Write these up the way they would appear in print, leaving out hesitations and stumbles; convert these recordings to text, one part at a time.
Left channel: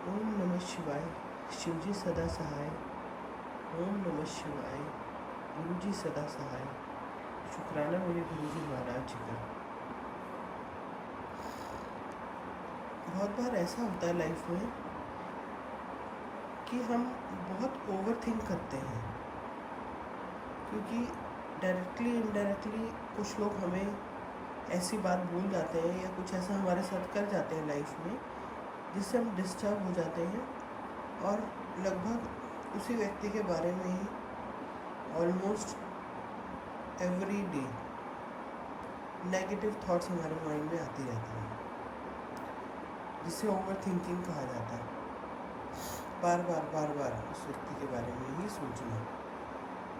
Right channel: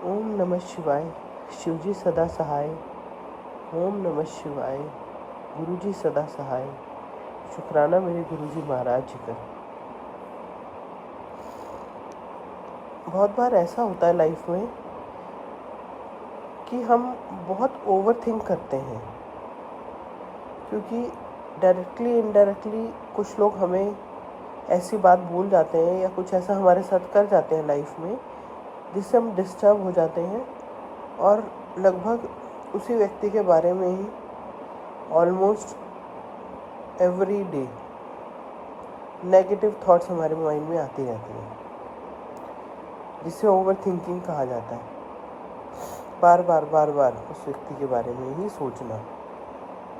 ओम नमः शिवाय। शिवजी सदा सहाय। ओम नमः शिवाय। गुरुजी सदा सहाय। शुक्राना मेरे गुरुजी महाराज जी का। बहुत बार ऐसा होता है लाइफ में कि हम बहुत ओवर थिंक करते हैं, क्योंकि डायरेक्टली इनडायरेक्टली कुछ लोग हमें ऐसी बात बोल जाते हैं या कुछ ऐसा हमारे साथ कर जाते हैं लाइफ में जिससे हम डिस्टर्ब हो जाते हैं और लगभग उसी व्यक्ति के बारे में ही almost every day negative thoughts हमारे माइंड में आती रहती हैं, जिसे ओवर थिंकिंग कहा जाता है। बार बार उस व्यक्ति के बारे में ही सोचना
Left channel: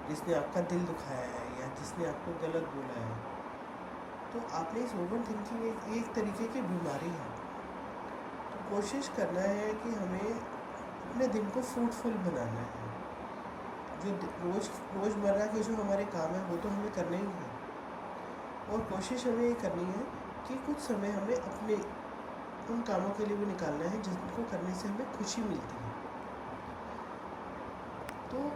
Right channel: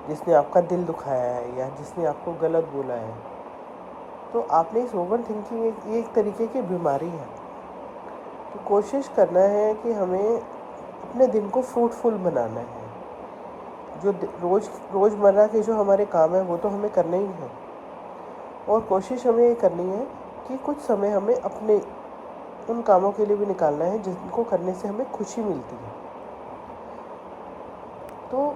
जिसने आपका दिल दुखाया है या जिसने आपको गलत बोला है। तो आपने इस ओवर थिंकिंग एक तरीके की बीमारी है। तो कोशिश करना है कि हमें अपने दिन को फ्रूटफुल बनाना है। जो रोज़मर्रा के जो हमारे काम है वो तो हमें करने ही हैं, और कोशिश हमें ये करनी है कि कुछ समय हमें अपने उन कामों के लिए भी निकालना है जिनको करने से हमें खुशी मिलती है। तो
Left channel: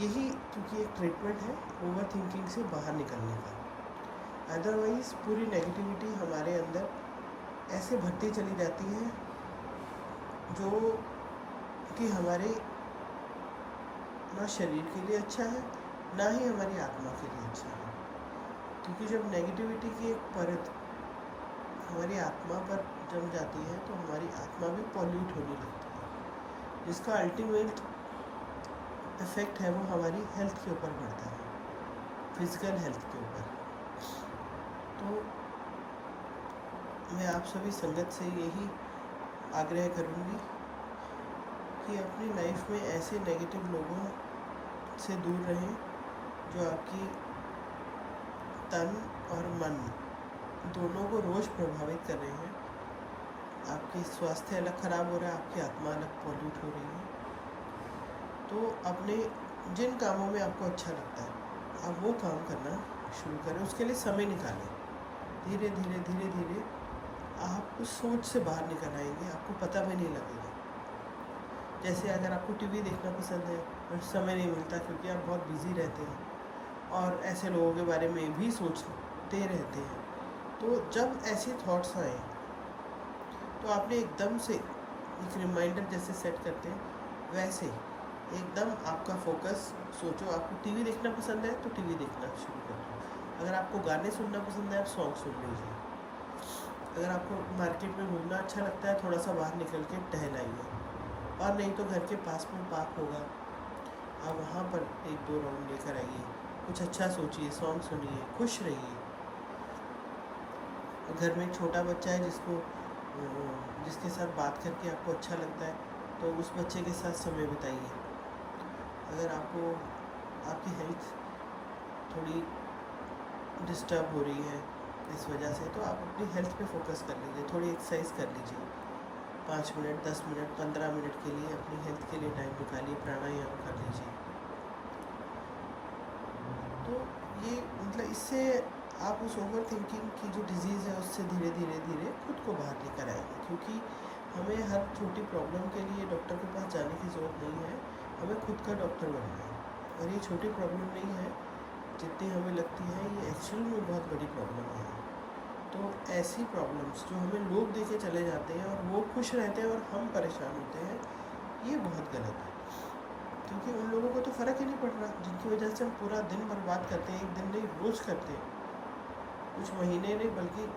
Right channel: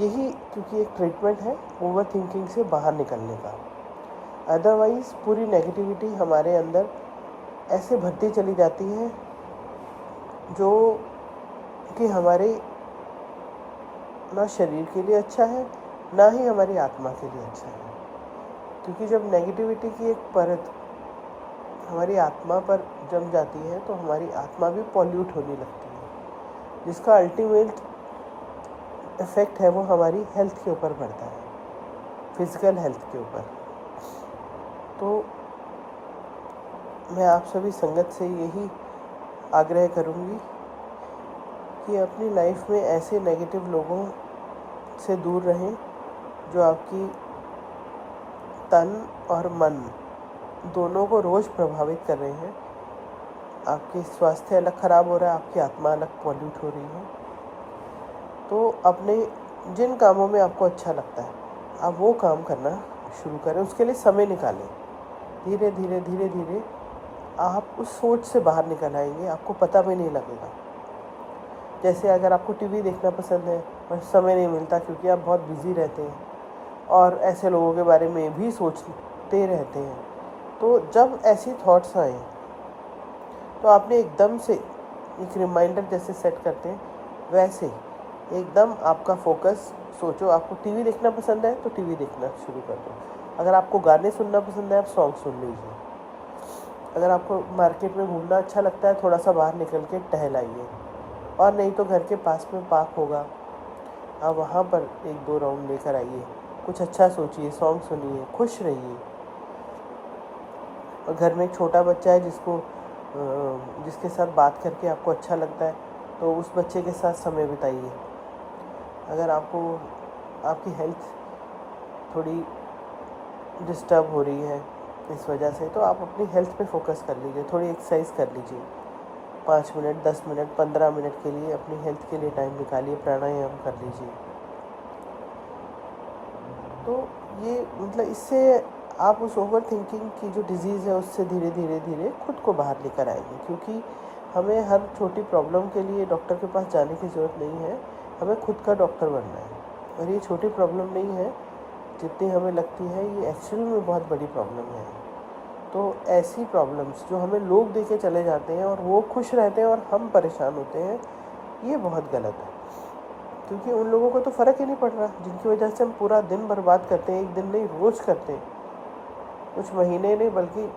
यही क्योंकि एक ट्रीटमेंट है ओवर थिंकिंग से बाहर निकलने का। अदरवाइज़ पूरी नेगेटिविटी हमारे अंदर ऐसे भरती चली जाती है जो कि हमारे ना शरीर के लिए अच्छा है ना ही हमारी आत्मा के लिए अच्छा है। क्योंकि जब नेगेटिविटी की एक परत हमारी आत्मा पर जम जाती है तो हमारी आत्मा भी पॉल्यूट होने लगती है, जिसका अल्टीमेट इफ़ेक्ट है वो हमारी हेल्थ के ऊपर पड़ता है, फिज़िकल हेल्थ के ऊपर। तो मैं आप सभी संगत से यही आग्रह करूँगी कि अपनी लाइफ में ऐसे नेगेटिव लोगों से दूर रहें जो आपकी तन और मन दोनों को रोज़ प्रभावित कर रहे हैं। आपकी स्वास्थ्य अलग ख़राब हो रहा है, आपकी आत्मा अलग पॉल्यूट हो रही है। तो अपने जिन कामों में आपको अच्छा लगता है आप वो काम करना शुरू करें, उसके लिए समय निकालें। धीरे धीरे आप उस सोच से बाहर निकल आएंगे, आपको पता भी नहीं लगेगा। जैसे अगर आपको टीवी देखना पसंद है और समय नहीं मिलता क्योंकि आप बहुत बिज़ी रहते हैं और ऐसे लोगों के बारे में भी सोचते रहते हैं, तो जब ऐसी थॉट्स आएँ तो आपने एकदम से एक रिमाइंडर जैसे सेट करते हैं वैसे एकदम आपका फोकस सोचो। आपको टीवी देखना पसंद है तो टीवी देखना शुरू कर दो। अगर आपको गाने सुनना पसंद है आप सॉन्ग सुन लीजिए। अगर आपको मार्केट में घूमना अच्छा लगता है थोड़ा सा बाहर निकल के टहल आइए, और नहीं तो घर के पास में पार्क होगा आप वहाँ पर 1-2 राउंड लेकर आइए। कुछ अच्छा सोचिए, सॉन्ग सुनिए, खुश रहिए। और घर में एक छोटा बच्चा है जिसके साथ बात करके आपको अच्छा लगता है तो उस बच्चे के साथ समय बिताइए। अगर आपको आपकी हेल्थ थोड़ी डिस्टर्ब हो रही है इस वजह से तो आप अपनी हेल्थ पे फोकस कर लीजिए, थोड़ी एक्सरसाइज कर लीजिए। 5 मिनट, 10 मिनट, 15 मिनट के लिए अपनी हेल्थ के लिए टाइम निकालिए, प्राणायाम कर लीजिए। तो ये मतलब इससे आप उस ओवर थिंकिंग की जो डिज़ीज़ है उससे धीरे धीरे खुद को बाहर लेकर आएंगे। क्योंकि हमें हर छोटी प्रॉब्लम के लिए डॉक्टर के पास जाने की ज़रूरत नहीं है, हमें खुद का डॉक्टर बनना है। और ये छोटी प्रॉब्लम नहीं है जितनी हमें लगती है, ये एक्चुअल में बहुत बड़ी प्रॉब्लम है। तो ऐसी प्रॉब्लम्स जो हमें लोग दे के चले जाते हैं और वो खुश रहते हैं और हम परेशान होते हैं, ये बहुत गलत है। क्योंकि उन लोगों को तो फ़र्क ही नहीं पड़ रहा जिनकी वजह से हम पूरा दिन बर्बाद करते हैं, एक दिन नहीं रोज़ करते हैं। कुछ महीने नहीं बल्कि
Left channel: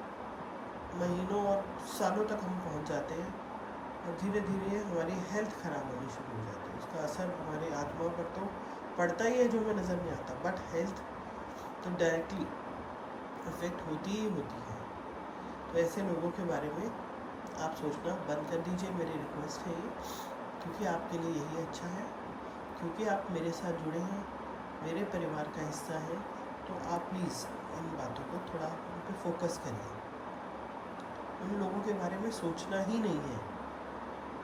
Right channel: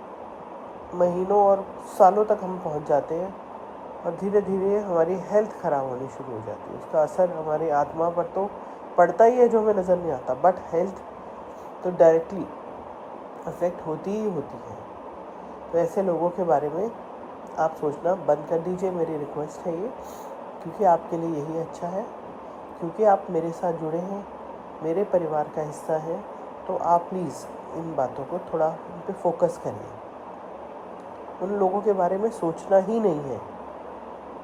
महीनों और सालों तक हम पहुंच जाते हैं, और धीरे धीरे हमारी हेल्थ ख़राब होनी शुरू हो जाती है। उसका असर हमारी आत्मा पर तो पड़ता ही है जो हमें नज़र नहीं आता, बट हेल्थ तो डायरेक्टली अफेक्ट होती ही होती है। तो ऐसे लोगों के बारे में आप सोचना बंद कर दीजिए, मेरी रिक्वेस्ट है ये। क्योंकि आपके लिए यही अच्छा है, क्योंकि आप मेरे साथ जुड़े हैं, मेरे परिवार का हिस्सा हैं। तो आप प्लीज़ इन बातों को थोड़ा उन पे फोकस करिए। उन लोगों के बारे में सोचना ही नहीं है,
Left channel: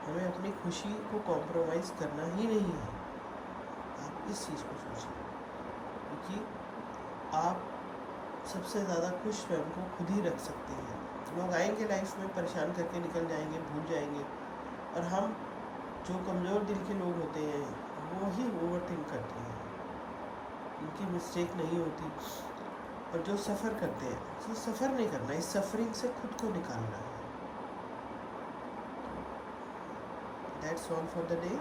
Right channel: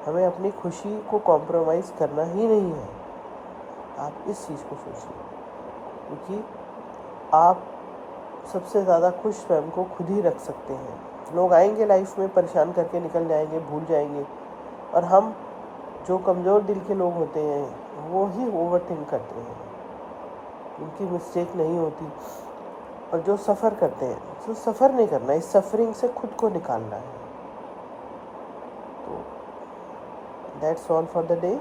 हमें अपनी खुशी को कॉम्प्रोमाइज़ करना ही नहीं है। आप इस चीज़ को सोचिए, क्योंकि आप सबसे ज़्यादा खुश स्वयं को खुद ही रख सकते हैं। लोग आएंगे लाइफ में परेशान करके निकल जाएंगे, भूल जाएंगे, और हम जो कमज़ोर दिल के लोग होते हैं वो ही ओवर थिंक करते हैं, उनकी मिस्टेक नहीं होती। और जो सफ़र करते हैं तो सफ़र नहीं करना, इस सफरिंग से खुद को निकालना है। तो that's all for the day.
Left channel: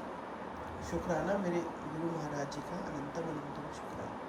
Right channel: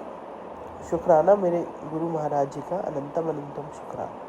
शुक्राना मेरे गुरु महाराज जी का, अनंतम अनंतम शुक्राना।